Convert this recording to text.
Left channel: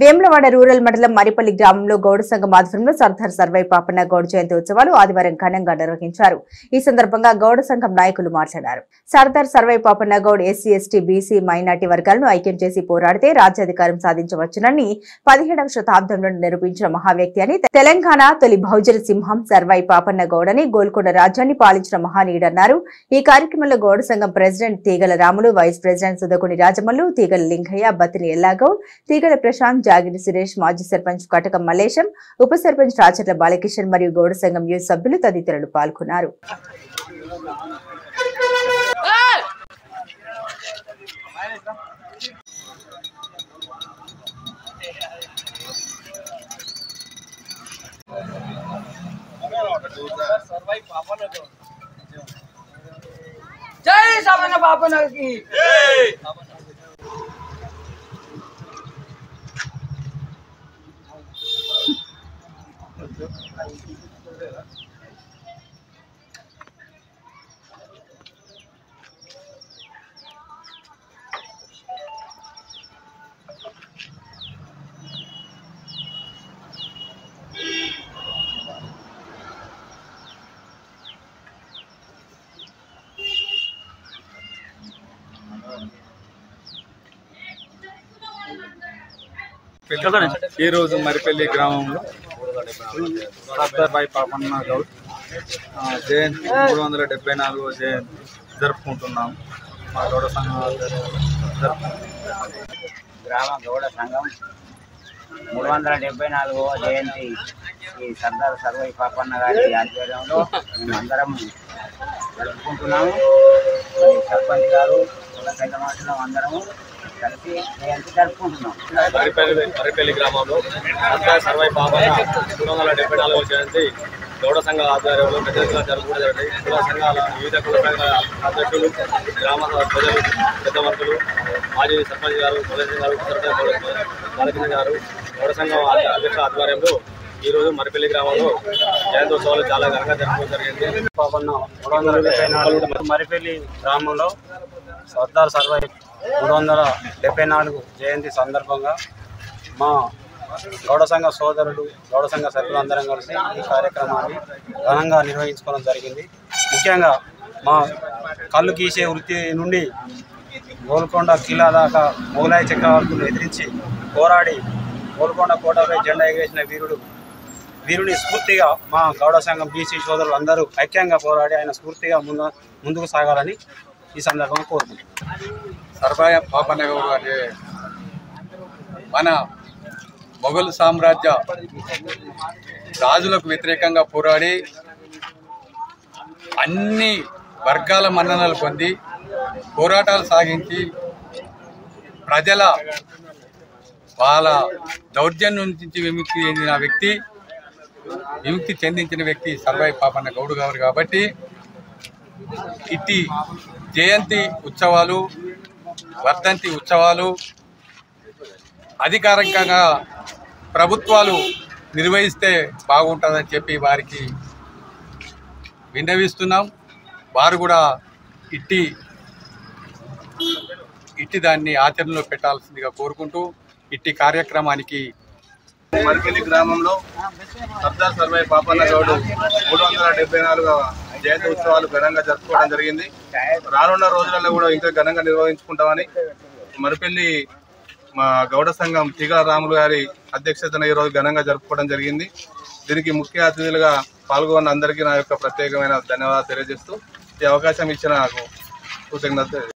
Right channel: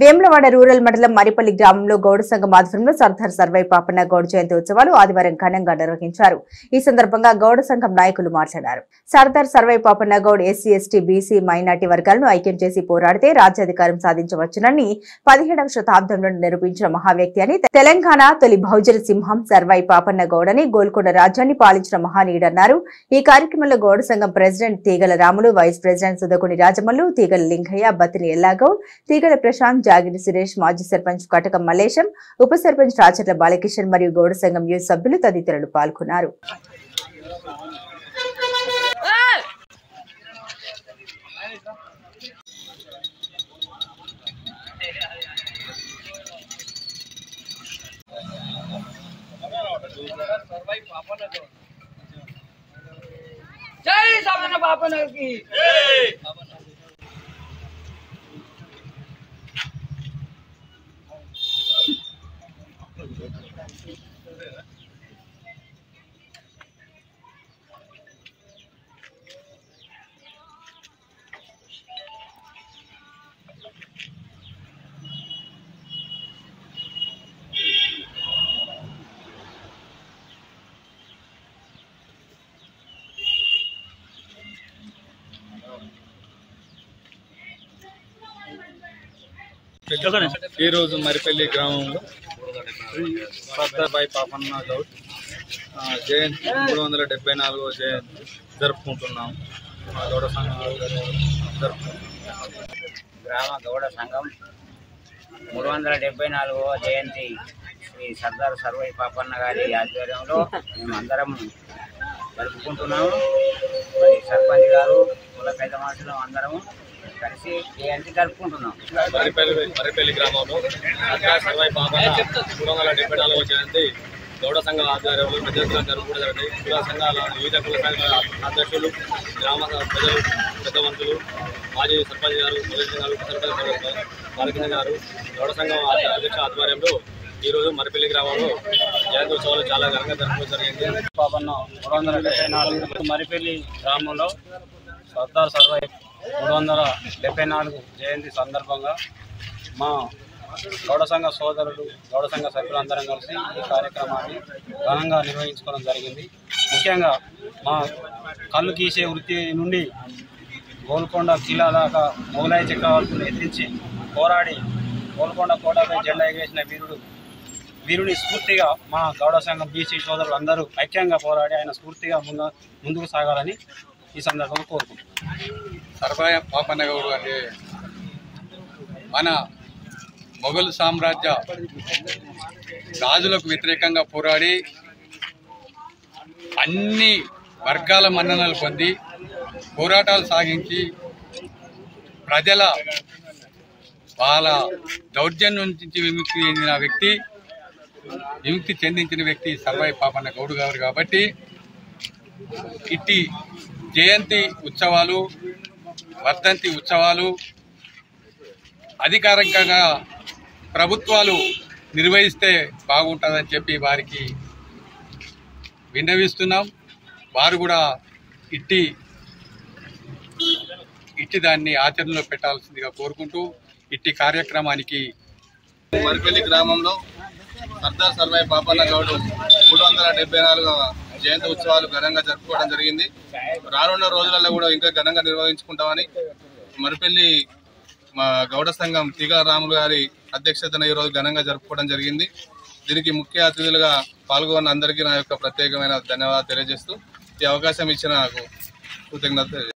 Vemulawada rural మండలం మరిపల్లి గ్రామంలో గౌడ సంఘం ఆధ్వర్యంలో సర్దార్ సర్వై పాపన్న గౌడ్ జయంతి ఉత్సవాలు ఆదివారం ఘనంగా నిర్వహించారు. ఈ సందర్భంగా గౌడ సంఘం నాయకులు మాట్లాడారు. Sardar Sarvai Papanna Goud SC, ST, BC, minority వర్గాలను ఐక్యం చేసి పోరాడితే రాజ్యాధికారం సాధించవచ్చునని 17వ శతాబ్దంలో నిరూపించిన మహావ్యక్తి అని, తెలంగాణ తొలి బహుజన సింహం సర్వై పాపన్న గౌడ్ అని, గోల్కొండ రాజ్యాన్ని పాలించిన మహానీయుడన్నారు. ఈ కార్యక్రమంలో గౌడ సంఘం ప్రెసిడెంట్ తీగల రాములు, వైస్ ప్రెసిడెంట్ సుదకుని రాజమల్లు, తీగల లింగయ్య, బతిని ఎల్లాగౌడ్, తీగల ప్రశాంత్, జాగిరి సురేష్, మాజీ సర్పంచ్ కటకం మల్లేశం, ఉప సర్పంచ్ రాచర్ల బాలకిషన్ మరియు గౌడ సంఘం యూత్ సభ్యులు తదితరులు పాల్గొన్నారు. జై సవన పాపనకి ఈ రోజు మరిపల్లి గ్రామంలో సర్దార్ పాపన్న గౌడ్ జయంతి 374వ జయంతి జరుపుకుంటున్నాము. మా గౌడ సంఘం గ్రామ గౌడ సంఘం 374వ జయంతి ఈ సర్దార్ సర్వై పాపన్న గారి ఆధ్వర్యంలో అందరం జరుపుకుంటున్నాము. మరి సర్పంచ్ గారు పెద్ద మనుషులు అందరము కలిసి జయంతి జరుపుకుంటున్నాం. మరిపల్లి గ్రామంలో సర్దార్ సర్వై పాపన్న 374వ జయంతి గౌడ సంఘాల ఆధ్వర్యంలో పెద్దగా జరుపుకోవడం జరిగింది. కుల సంఘాల వివిధ కుల సంఘాల అధ్యక్షులు, గ్రామ ప్రజలు, పెద్ద మంత్రులు, మాజీ సర్పంచ్ గారు, మొదటి గారు, సర్పంచ్ బాలకింద గారు, గౌడ సంఘం అధ్యక్షుల ఆధ్వర్యంలో ఈరోజు మరిపల్లి గ్రామంలో జయంతోత్సవాలు చాలా ఘనంగా జరుపుకోవడం జరిగింది. పాపన్న 374 మరిపల్లి గ్రామంలో సర్దార్ సర్వై 374 జయంతి సందర్భంగా మా గౌడ సంఘ సోదరులు, గౌడ సంఘ సభ్యులందరం కలిసి ఈ కార్యక్రమాన్ని ఘనంగా నిర్వహించుకోవడం జరిగింది. ముఖ్యంగా మా కళ్ళు గీసే వృత్తి నుండి గోల్కొండ కిలా దాకా మొగలాయి చక్రవర్తులు ఎదిరించి పోరాడి గోల్కొండ కోటపై జెండా ఎగరేసిన వీరుని స్ఫూర్తిగా మా గౌడ సంఘం బీసీ సోదరులు అందరూ ఐక్యంగా పోరాడి ఆయన స్ఫూర్తిగా ముందుకు సాగాలని ఈ సందర్భంగా కోరుకుంటున్నాం. సర్వై పాపన్న గౌడ్ అంటే మన మొఘల్ సామ్రాజ్య రాజులకు వ్యతిరేకంగా పోరాడి అన్ని వర్గాల మన్ననలు పొంది పోరాటాలు సాగించి ప్రజల వాళ్ళ దౌర్జన్యం నుంచి విముక్తి చెందించిన వ్యక్తి సర్వై పాపన్న గౌడ్ గారు. కాబట్టి ఇట్టి జయంతి ఉత్సవాలు, వర్ధంతి ఉత్సవాలు అధికారికంగా ప్రభుత్వాలు నిర్వహిస్తే బాగుంటుందని చెప్పి వారికి విన్నవిస్తున్నాం. వారు కూడా ఇట్టి దాన్ని ఆచరణలో పెట్టాల్సిందిగా కోరుకుంటూ ఇట్టి కార్యక్రమానికి మరిపల్లి గ్రామంలో సర్దార్ సర్వై పాపన్న గౌడ్ 374వ జయంతి ఉత్సవాలు ఘనంగా జరుపుకోవడం జరిగింది. రానున్న రోజులలో కూడా ఇంకా ఘనంగా నిర్వహించుకుంటామని మరిపల్లి మా గౌడ సంఘం తీగల రాములు గారి అధ్యక్షతన ఈరోజు ఘనంగా జరుపుకోవడం జరిగింది. దీనికి ముఖ్య అతిథులుగా పాల్గొన్న అందరికీ నా యొక్క ప్రత్యేకమైన ధన్యవాదాలు తెలియజేస్తూ ఈ అవకాశం ఇచ్చిన నాకు కృతజ్ఞత.